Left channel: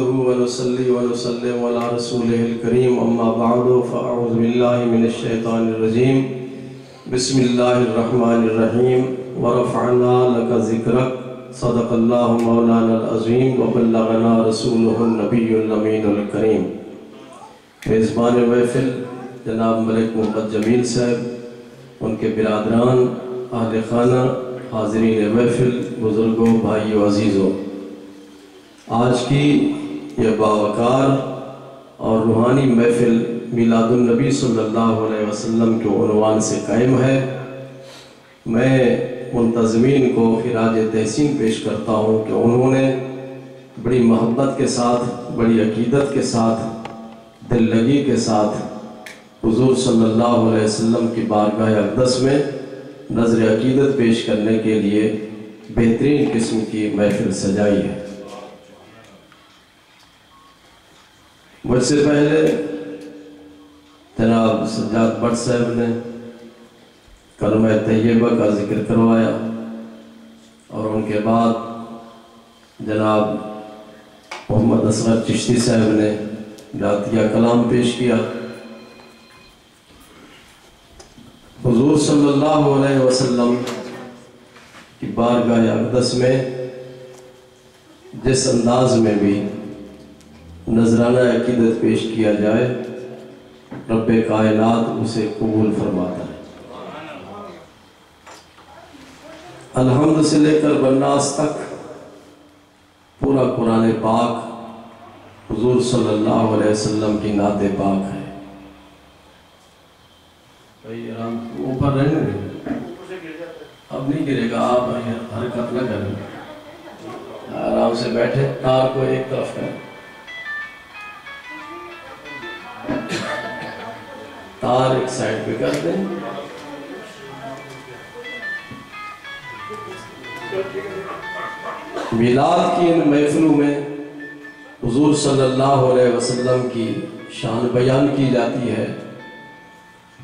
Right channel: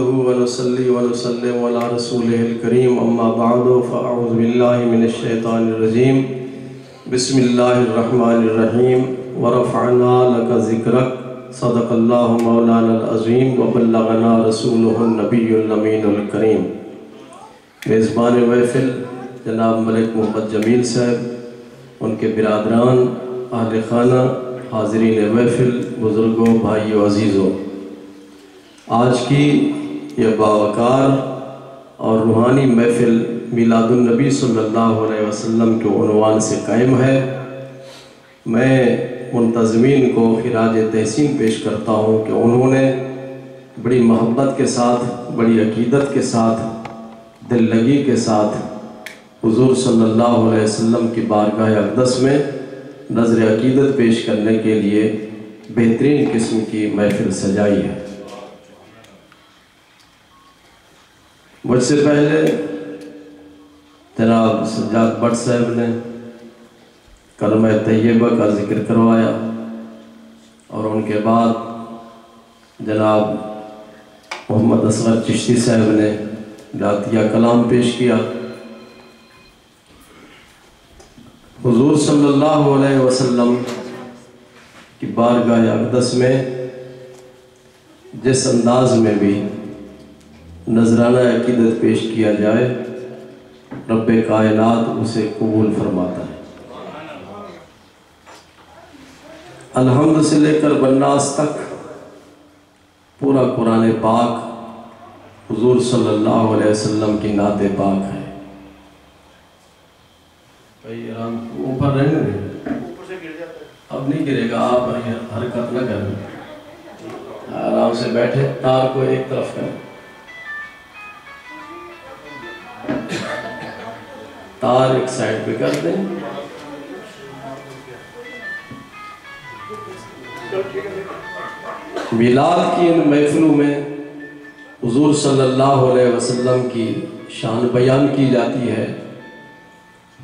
ونصلي ونسلم على رسوله الكريم أما بعد فأعوذ بالله من الشيطان الرجيم بسم الله الرحمن الرحيم ورفعنا لك ذكرك صدق الله مولانا العظيم وبلغنا رسوله النبي الأمين الكريم. میزبان محفل جناب ملک محمد جمیل صاحب، ان کے برادران، اہل خانہ، حاضرین محفل، بزرگوں، بھائیوں، عزیزوں، آج کی یہ باوقار اور روحانی محفل میلاد النبی صلی اللہ علیہ وسلم کے عنوان سے قائم ہے. میں منتظمین کو خراج تحسین پیش کرتا ہوں کہ انہوں نے بڑی محبت کے ساتھ، بڑی عقیدت کے ساتھ، دل لگی کے ساتھ حضور صلی اللہ علیہ وسلم کی بارگاہ اقدس میں نظر عقیدت پیش کرنے کے لیے بہترین قسم کی محفل سجائی ہے. مجھ سے پہلے جناب سجاد بٹ صاحب نے کلمہ طیبہ کا ذکر کروایا اور ان کے بعد جناب محمد اصغر چشتی صاحب نے جاتیہ کلام پیش کیا. حضور صلی اللہ علیہ وسلم کی بارگاہ اقدس میں جس انداز میں بھی نذرانہ عقیدت پیش کیا جائے، رب کائنات اسے قبول فرماتا ہے. الحمد سے لے کر بالناس تک پورا قرآن پاک حضور صلی اللہ علیہ وسلم کی نعت پاک ہے. بھائی آرام اوپر رہنے دیں، اب نہیں گرے گا، آپ حرکت نہ کریں، آرام سے بیٹھے، تار کو ایک طرف کریں، تار ایک سائڈ پہ کر دیں. میلاد کی ان محفلوں میں حضور صلی اللہ علیہ وسلم کی شان بیان کی جاتی ہے.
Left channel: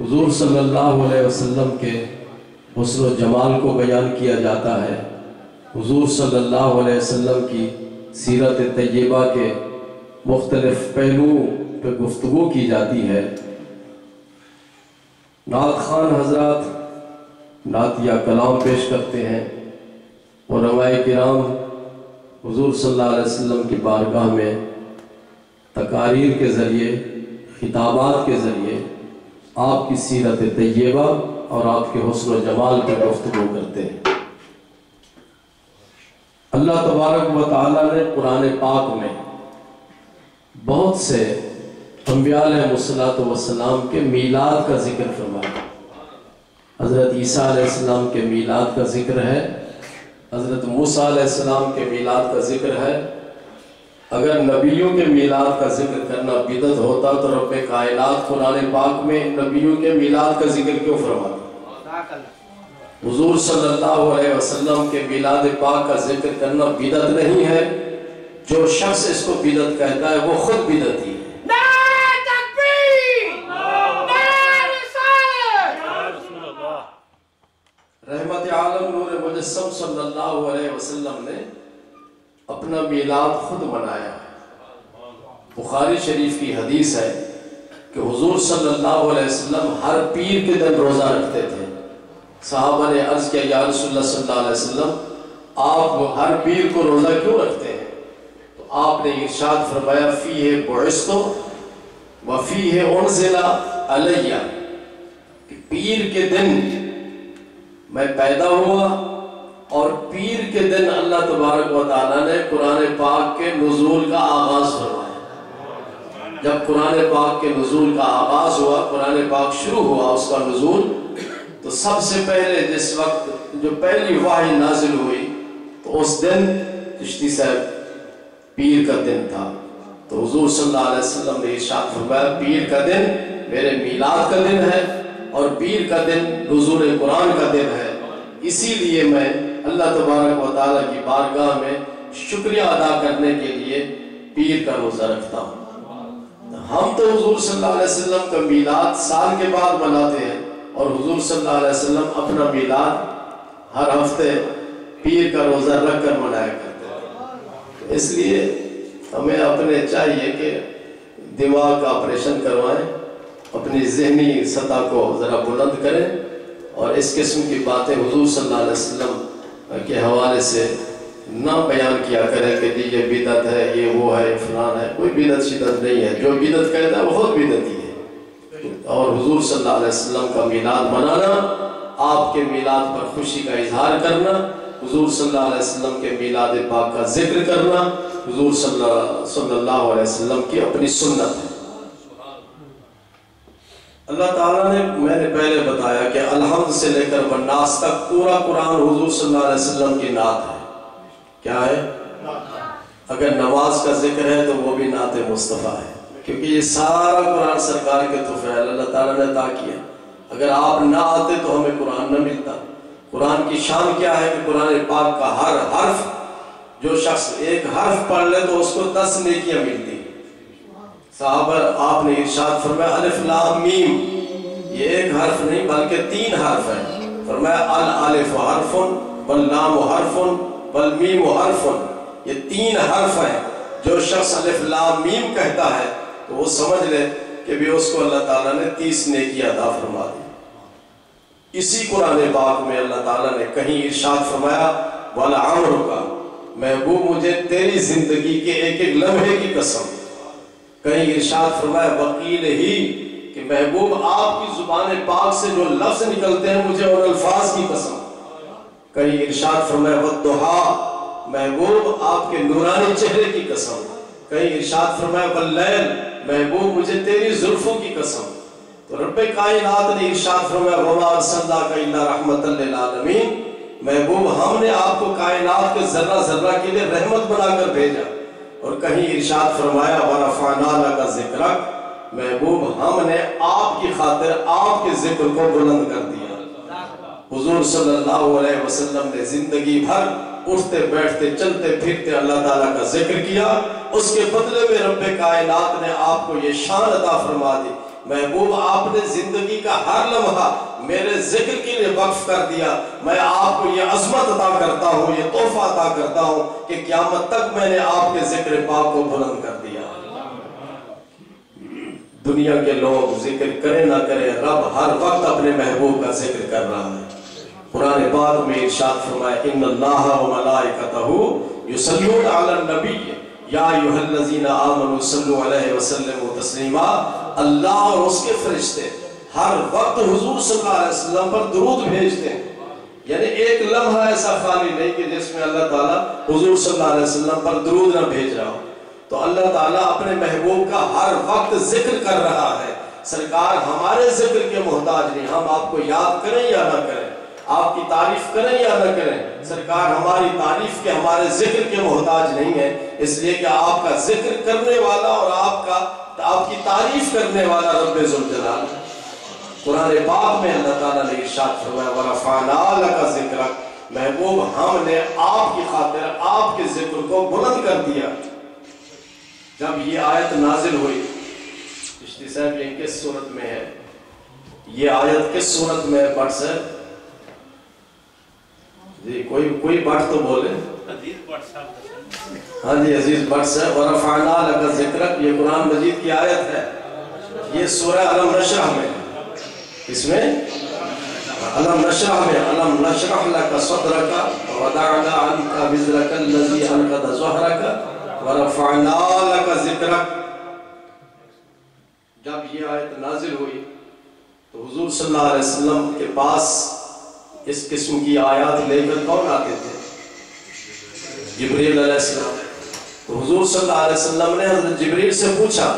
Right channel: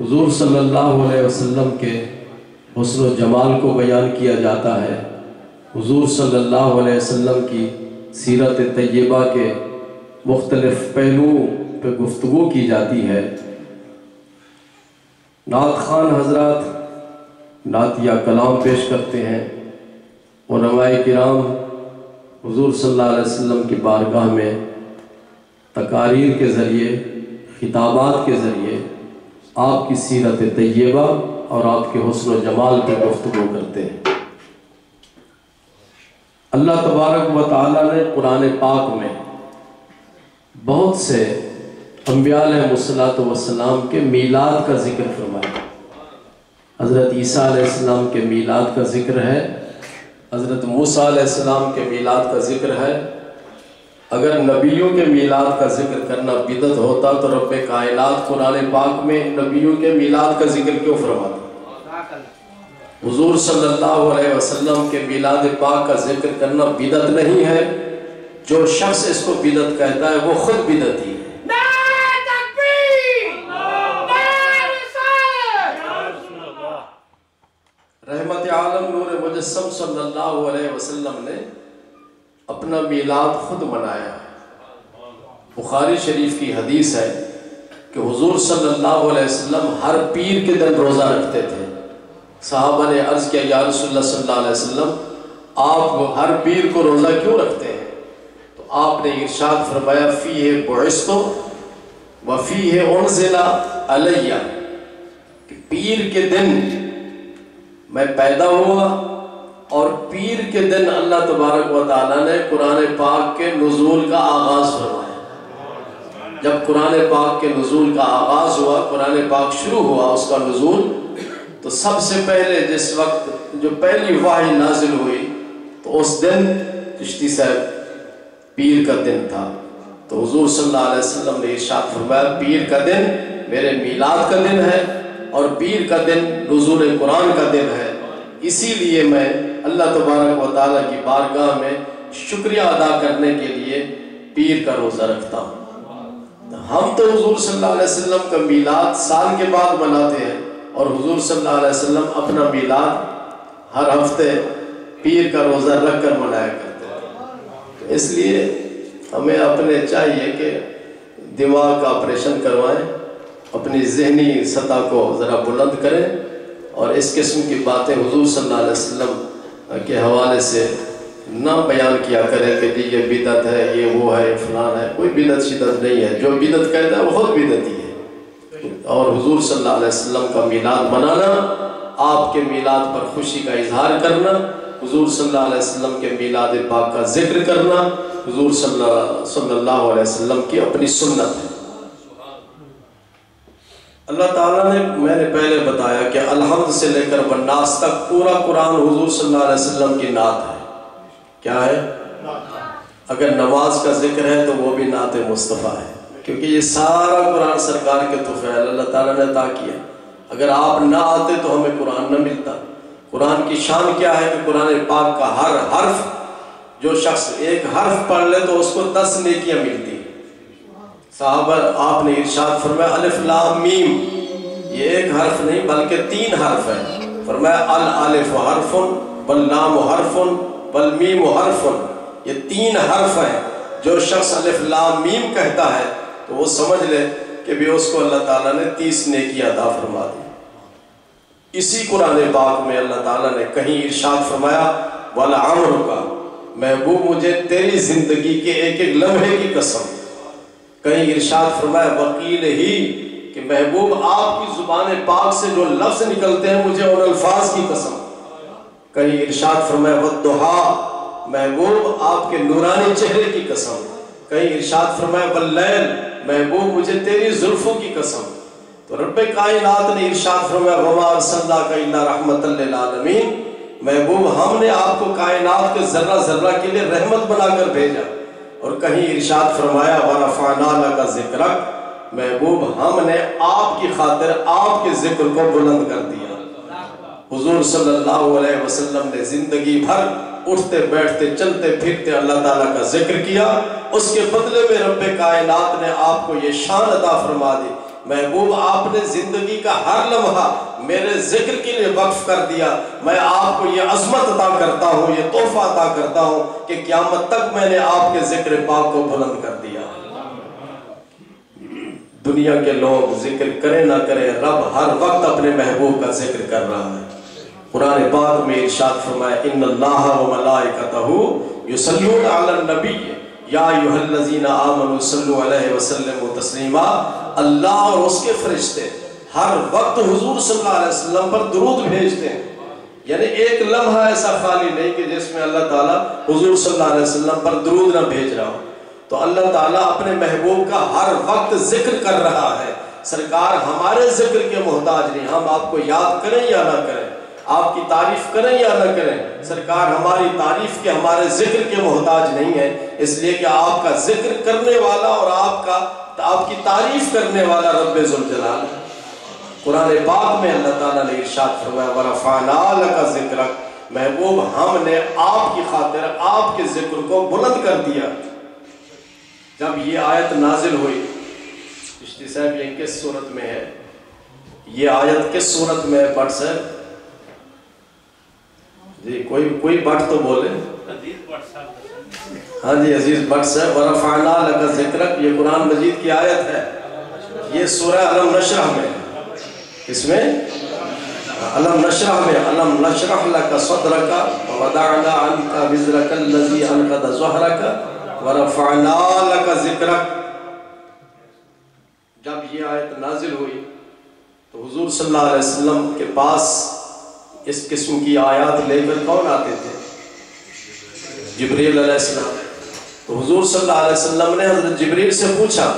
حضور صلی اللہ علیہ وسلم کے حسن و جمال کو بیان کیا جاتا ہے. حضور صلی اللہ علیہ وسلم کی سیرت طیبہ کے مختلف پہلوؤں پہ گفتگو کی جاتی ہے. نعت خوان حضرات نعتیہ کلام پیش کرتے ہیں. علماء کرام حضور صلی اللہ علیہ وسلم کی بارگاہ میں تقاریر کے ذریعے، خطابات کے ذریعے آپ کی سیرت طیبہ اور آپ کے حسن و جمال پہ گفتگو کرتے ہیں. اللہ تبارک و تعالیٰ نے قرآن پاک میں بہت سے انبیاء علیہ السلام کے میلاد کا ذکر فرمایا. حضرت عیسیٰ علیہ السلام کے میلاد کا ذکر ہے، حضرت موسیٰ علیہ السلام کے میلاد کا ذکر ہے. اگر نبیوں کے میلاد کا ذکر کرنا بدعت ہوتا تو رب کائنات قرآن پاک میں نبیوں کے میلاد کا ذکر کیوں فرماتا؟ حضور صلی اللہ علیہ وسلم کے میلاد پاک کا ذکر کرنا بدعت نہیں ہے. جو شخص اس کو بدعت کہتا ہے وہ خود بدعتی ہے. رحمت عالم نور مجسم صلی اللہ علیہ وسلم نے اپنا میلاد خود منایا. بخاری شریف کی حدیث ہے کہ حضور صلی اللہ علیہ وسلم ہر پیر کے دن روزہ رکھتے تھے. صحابہ نے عرض کیا یا رسول اللہ صلی اللہ علیہ وسلم، آپ ہر پیر کو روزہ کیوں رکھتے ہیں؟ تو آپ نے ارشاد فرمایا فیہ بعثت وفیہ انزل علیہ، کہ پیر کے دن میں پیدا ہوا اور پیر کے دن اللہ تبارک و تعالیٰ نے قرآن پاک کے نزول کا آغاز فرمایا. جب قرآن پاک کے نزول کا آغاز ہوا، قرآن پاک شروع ہوا اس کا نزول، تو سب سے پہلے جس وقت جو پہلی وحی نازل ہوئی تو اس دن چشتی صاحب پیر کا دن تھا. تو حضور صلی اللہ علیہ وسلم نے ارشاد فرمایا پیر کا دن میرے میلاد کا دن ہے اور پیر کا دن نزول قرآن کا دن ہے. اسی لیے میں اللہ تبارک و تعالیٰ کی بارگاہ میں شکریہ ادا کرنے کے لیے پیر کا روزہ رکھتا ہوں. ہم تو حضور صلی اللہ علیہ وسلم کا میلاد سال کے بعد مناتے ہیں اور حضور صلی اللہ علیہ وسلم اپنا میلاد ہر ہفتے پیر کا روزہ رکھ کر منایا کرتے ہیں. اس لیے ہمیں اپنے چاہیے کہ دماغ کا آپریشن کروائیں، اپنی ذہنی سطح کو ذرا بلند کریں، اور اس قسم کی باتیں حضور صلی اللہ علیہ وسلم کے حوالے سے نہ بیان کیا کریں کہ جی یہ بدعت ہے، یہ وہ ہے، فلان ہے۔ کوئی بدعت شدت نہیں ہے، جو بدعت کہتا ہے وہ خود بدعتی ہے۔ اور حضور صلی اللہ علیہ وسلم کا میلاد منانا، آپ کے میلاد پر خوشی کا اظہار کرنا، حضور صلی اللہ علیہ وسلم کے میلاد پاک کا ذکر کرنا، حضور صلی اللہ علیہ وسلم کی اپنی سنت ہے۔ اللہ تعالیٰ نے، میں نے پہلے بتایا کہ الحمد سے لے کر والناس تک پورا قرآن حضور صلی اللہ علیہ وسلم کی نعت ہے۔ کیا ہے؟ اگر نماز کا ذکر ہے تو وہ بھی نعت مصطفیٰ ہے، کیونکہ یہ سارا قرآن سرکار کے تحفے اللہ تعالیٰ نے عطا کیا۔ اگر آپ نہ آتے تو ہمیں قرآن نہ ملتا۔ قرآن کی شان کیا ہے کہ قرآن پاک کا ہر حرف، جو شخص ایک حرف پڑھ لے تو اس کو 10 نیکیاں ملتی۔ صحابہ، آپ نے ارشاد فرمایا الف لام میم، یہ ایک حرف نہیں بلکہ 3 حرف ہیں۔ فرمایا الالف حرف واللام حرف والمیم حرف، یہ 3 حرف ہیں۔ جو شخص الف لام میم کہتا ہے تو وہ سمجھ لے کہ بھی اس کو اللہ تعالیٰ نے 30 نیکیاں عطا فرما دی۔ اسی قرآن پاک میں اللہ تعالیٰ نے کہیں ارشاد فرمایا وَلَعَمْرُكَ، محبوب مجھے تیری زندگی کے ایک ایک لمحے کی قسم۔ کہیں ارشاد فرمایا وکیل ہی، کہ محبوب آپ کی زبان پاک سے جو لفظ نکلتے ہیں مجھے ان الفاظ کی قسم۔ کہیں ارشاد فرمایا وَالضُّحَىٰ، محبوب آپ کے نورانی چہرے کی قسم۔ کہیں ارشاد فرمایا وَاللَّيْلِ، محبوب مجھے تیری زلفوں کی قسم۔ تو رب کائنات نے ارشاد فرمایا وَمَا أَرْسَلْنَاكَ إِلَّا رَحْمَةً لِّلْعَالَمِينَ، محبوب ہم نے آپ کو کائنات کے ذرہ ذرہ کے لیے رحمت بنا کر بھیجا۔ اور کہیں ارشاد فرمایا وَرَفَعْنَا لَكَ ذِكْرَكَ، محبوب ہم نے آپ کی خاطر آپ کے ذکر کو بلند کر دیا۔ حضور صلی اللہ علیہ وسلم نے زندگی بھر اٹھتے بیٹھتے چلتے پھرتے اللہ تعالیٰ کا ذکر کیا، اس کے بدلے میں رب کائنات نے آپ کو یہ شان عطا فرما دی، محبوب آپ نے زندگی کا ہر لمحہ میرے ذکر کے لیے وقف کر دیا۔ میں آپ کو یہ عظمت عطا کرتا ہوں، یہ تحفہ عطا کرتا ہوں کہ قیامت تک میں نے آپ کے ذکر پاک کو بلند کر دیا۔ دنیا کے لوگ ذکر کریں نہ کریں، رب ہر وقت اپنے محبوب کا ذکر کر رہا ہے۔ قرآن پاک میں ارشاد فرمایا ان اللہ و ملائکتہ یصلون علی النبی یا ایھا الذین آمنوا صلوا علیہ وسلموا تسلیما، اللہ اور اس کے فرشتے ہر وقت حضور صلی اللہ علیہ وسلم پر درود بھیجتے ہیں۔ یعنی ایک لمحہ ایسا خالی نہیں کہ جس میں اللہ تعالیٰ حضور صلی اللہ علیہ وسلم پر درود نہ بھیج رہا ہو۔ تو اللہ تعالیٰ اپنے محبوب کا ہر وقت ذکر کر رہا ہے۔ سرکار ہمارے ذکر کے محتاج نہیں، ہم آپ کو یاد کریں یا نہ کریں، آپ کی تعریف کریں یا نہ کریں، سرکار ہماری تعریف کے ہمارے ذکر کے محتاج نہیں ہے، اس لیے کہ آپ کا ذکر کرنے والا اور آپ کی تعریف کرنے والا رب ذوالجلال۔ قرآن پاک میں اللہ تعالیٰ نے ارشاد فرمایا وَرَفَعْنَا لَكَ ذِكْرَكَ، محبوب ہم نے آپ کی خاطر آپ کے ذکر کو بلند کر دیا۔ جب یہ آیت نازل ہوئی، چشتی صاحب یہ کس صورت میں ہے؟ یہ آیت کس صورت میں ہے بٹ صاحب؟ جی کوئی بٹ تو بولے۔ ہاں جی عزیز بٹ صاحب، وَرَفَعْنَا لَكَ ذِكْرَكَ، یہ قرآن مجید کی آیت ہے، یہ سورہ علم نشرح میں ہے۔ اس میں علم نشرح میں علم نشرح لَكَ صَدْرَكَ وَوَضَعْنَا عَنْكَ وِزْرَكَ الَّذِي أَنقَضَ ظَهْرَكَ وَرَفَعْنَا لَكَ ذِكْرَكَ۔ جب یہ آیت نازل ہوئی تو حضور صلی اللہ علیہ وسلم کے پاس اس قسم کی آیات لے کر کون آتے تھے؟ جبریل علیہ السلام۔ تو حضور صلی اللہ علیہ وسلم نے حضرت جبریل سے پوچھا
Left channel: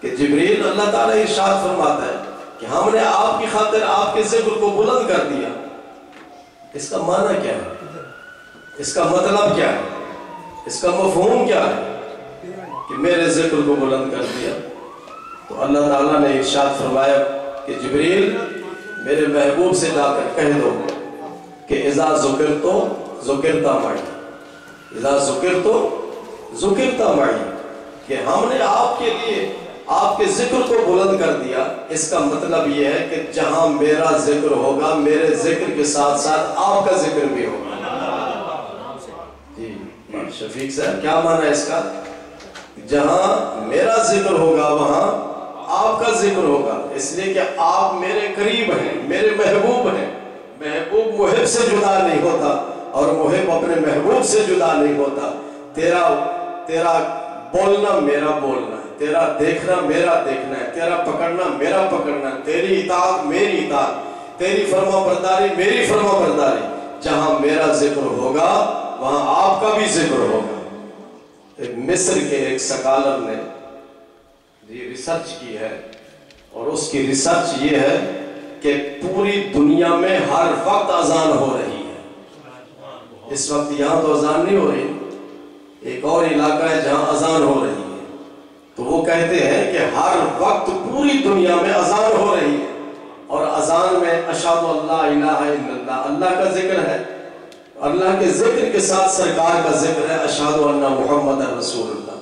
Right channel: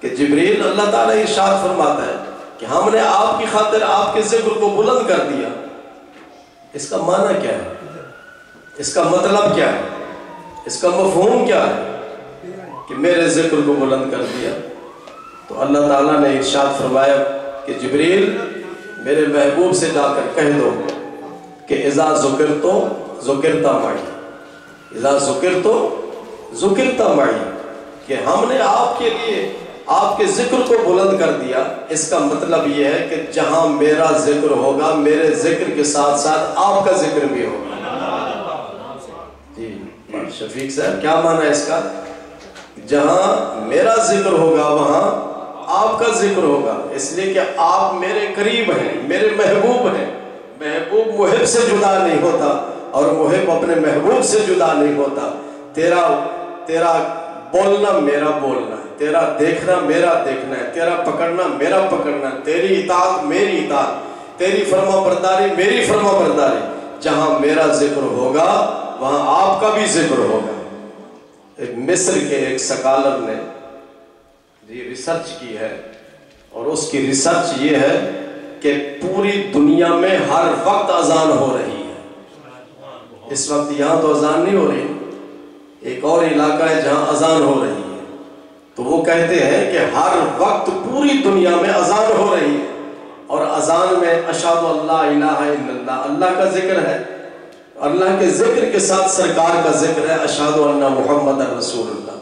کہ جبریل، اللہ تعالیٰ ارشاد فرماتا ہے کہ ہم نے آپ کی خاطر آپ کے ذکر کو بلند کر دیا، اس کا معنی کیا ہے؟ اس کا مطلب کیا ہے؟ اس کا مفہوم کیا ہے کہ میرے ذکر کو بلند کر دیا؟ تو اللہ تعالیٰ نے ارشاد فرمایا کہ جبریل میرے محبوب سے جا کر کہہ دو کہ اذا ذکرتو ذکرتا معی، اذا ذکرتو ذکرتا معی، کہ ہم نے آپ کے لیے آپ کے ذکر کو بلند کر دیا۔ اس کا مطلب یہ ہے کہ جہاں میرا ذکر ہوگا میرے ذکر کے ساتھ ساتھ آپ کا ذکر بھی ہوگا۔ جی شفیق صاحب کیا معنی ہے اس کا؟ جہاں میرا ذکر ہوگا وہاں آپ کا ذکر ہوگا، اس لیے کہ آپ میرے قریب ہیں، میرے محبوب ہیں۔ محبوب محب سے جدا نہیں ہوتا اور محب اپنے محبوب سے جدا نہیں ہوتا۔ تیرا بولنا میرا بولنا ہے، تیرا دیکھنا میرا دیکھنا ہے، تیرا پکڑنا میرا پکڑنا ہے، تیری اطاعت میری اطاعت، تیری فرما برداری میری فرما برداری۔ جہاں میرا ذکر ہوگا وہاں آپ کا بھی ذکر ہوگا۔ مصر کے ایک سکالر نے یہ ریسرچ کی ہے، اور اس کی ریسرچ یہ ہے کہ پوری دنیا میں ہر وقت اذان ہو رہی ہے۔ اس وقت یہاں تو اذان نہیں ہو رہی، ایک اور علاقہ ہے جہاں اذان ہو رہی ہے، تو وہ کہتے ہیں کہ ہر وقت پوری دنیا میں اذان ہو رہی ہے، اور اذان میں اشہد اللہ الہ الا اللہ، اللہ کا ذکر ہے، اللہ کے ذکر کے ساتھ سرکار کا ذکر ہے، اشہد ان محمد رسول اللہ۔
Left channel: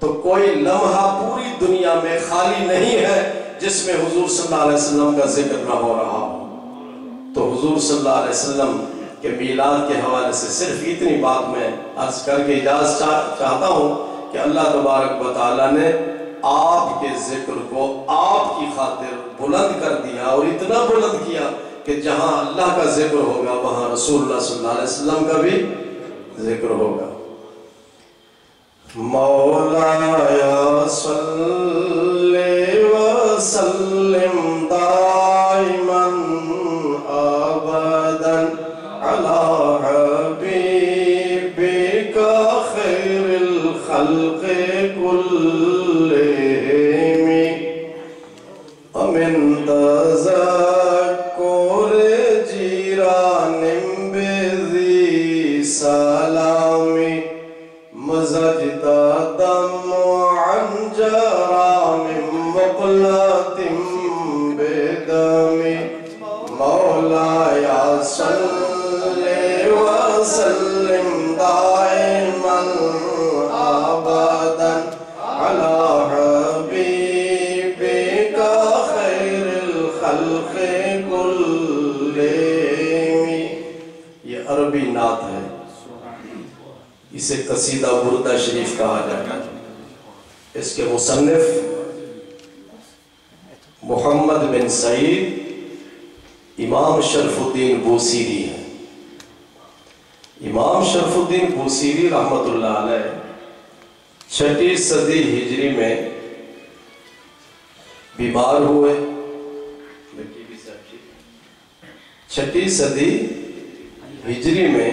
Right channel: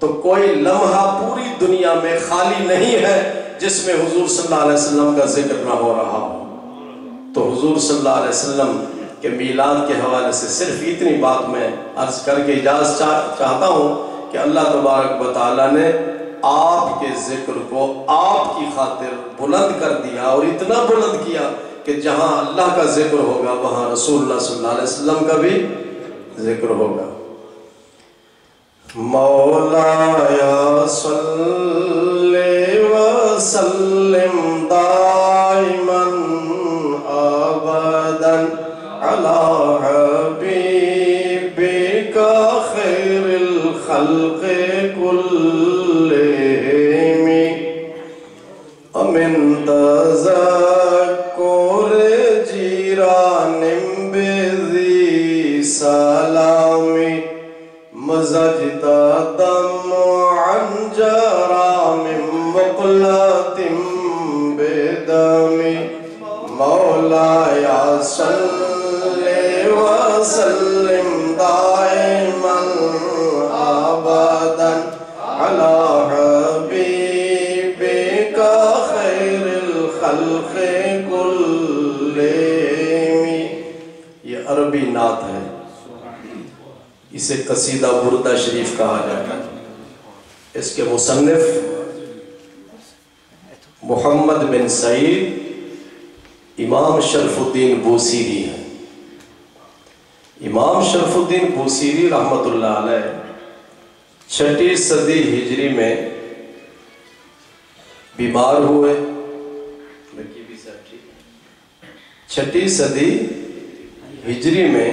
تو کوئی لمحہ پوری دنیا میں خالی نہیں ہے جس میں حضور صلی اللہ علیہ وسلم کا ذکر نہ ہو رہا ہو۔ تو حضور صلی اللہ علیہ وسلم کے میلاد کے حوالے سے صرف اتنی بات میں عرض کر کے اجازت چاہتا ہوں کہ اللہ تبارک و تعالیٰ نے آپ کے ذکر کو آپ کی خاطر بلند کر دیا، اور اتنا بلند کیا کہ جہاں اللہ کا ذکر ہوگا وہاں رسول اللہ صلی اللہ علیہ وسلم کا بھی ذکر ہوگا۔ مولایا صلی وسلم دائما ابدا علی حبیبک خیر الخلق کلہم امن تذکر جیران بذی سلامی مزجتا دم عن جرام مقلت بدم مولایا صلی وسلم دائما ابدا علی حبیبک خیر الخلق کلہم۔ یہ عربی نعت ہے، اسے قصیدہ بردہ شریف کہا جاتا ہے۔ اس کے مصنف محمد بن سعید امام شرف الدین بوسیری ہے۔ امام شرف الدین بوسیری رحمت اللہ علیہ 6 صدی ہجری میں بیمار ہوئے۔ 6 صدی ہجری میں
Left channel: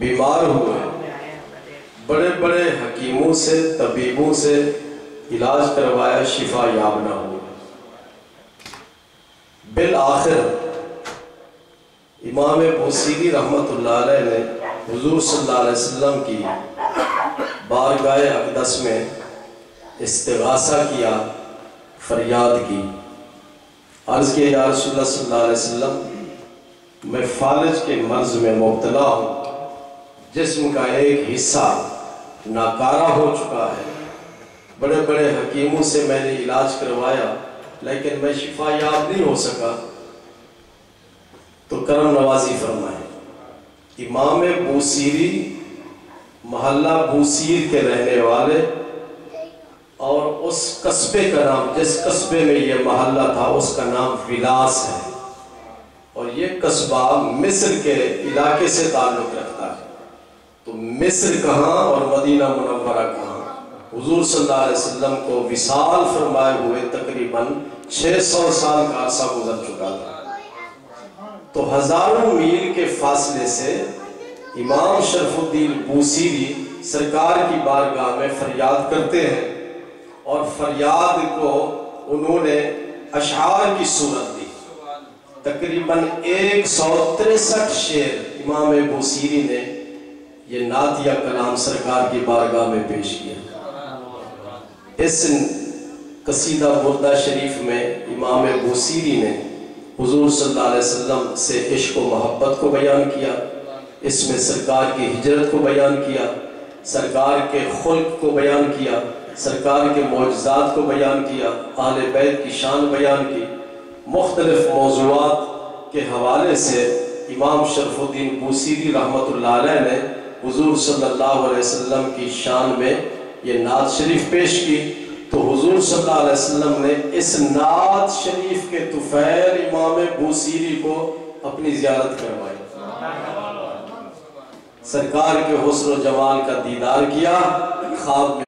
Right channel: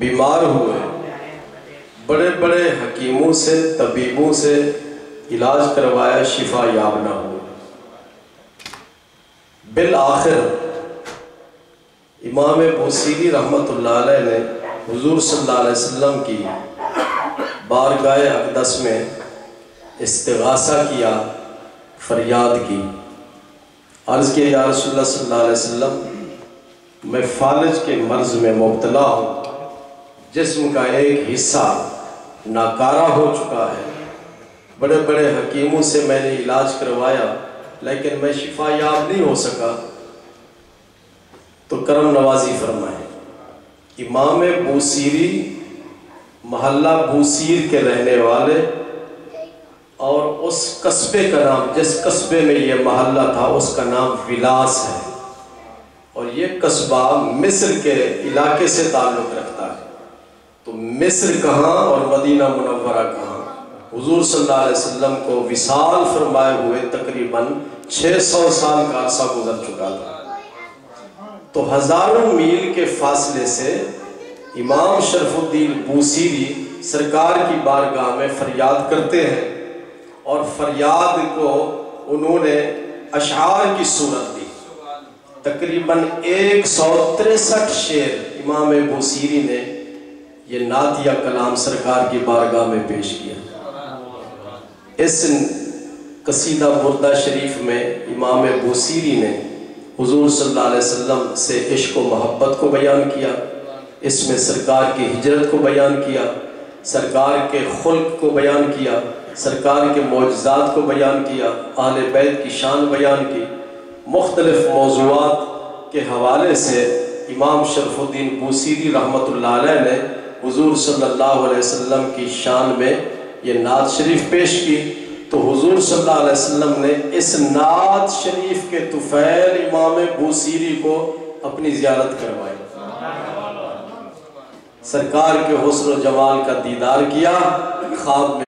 بیمار ہوئے، بڑے بڑے حکیموں سے طبیبوں سے علاج کروایا، شفا یاب نہ ہوئے۔ بالآخر امام بوسیری رحمت اللہ علیہ نے حضور صلی اللہ علیہ وسلم کی بارگاہ اقدس میں استغاثہ کیا، فریاد کی، عرض کیا یا رسول اللہ صلی اللہ علیہ وسلم میں فالج کے مرض میں مبتلا ہوں، جسم کا ایک حصہ ناکارہ ہو چکا ہے، بڑے بڑے حکیموں سے میں نے علاج کروایا لیکن میں شفا یاب نہیں ہو سکا، تو کرم نوازی فرمائے۔ امام بوسیری محلہ بوسیر کے رہنے والے، اور اس قصبے کا نام، جس قصبے میں یہ محلہ تھا اس کا نام ولاس ہے، اور یہ قصبہ مصر کے علاقے سے تعلق رکھتا ہے۔ تو مصر کہاں اور مدینہ منورہ کہاں؟ حضور صلی اللہ علیہ وسلم کو وصال فرمائے ہوئے تقریباً 600 سال کا عرصہ گزر چکا تھا۔ تو ہزاروں میل کے فاصلے سے امام شرف الدین بوسیری سرکار کی بارگاہ میں فریاد کرتے ہیں، اور فریاد کو انہوں نے اشعار کی صورت دی۔ تقریباً 163 شعر امام بوسیری نے یہ نعتیہ کلام سرکار کی بارگاہ میں پیش کیا۔ اس قصیدہ بردہ شریف میں امام بوسیری نے حضور صلی اللہ علیہ وسلم سے عشق و محبت کو بیان کیا، اس میں سرکار کی ہجرت کو بیان کیا، سرکار کے خلق کو بیان کیا، سرکار کے معجزات کو بیان کیا، اہل بیت کی شان بیان کی۔ مختلف موضوعات کے حوالے سے امام شرف الدین بوسیری رحمت اللہ علیہ نے حضور صلی اللہ علیہ وسلم کی شان میں یہ نعت شریف پیش کی تو حضور صلی اللہ علیہ وسلم نے اس نعت شریف کے طفیل امام بوسیری کو اپنی زیارت کروائی، سرکار کے حسن و جمال کا دیدار کیا، خواب میں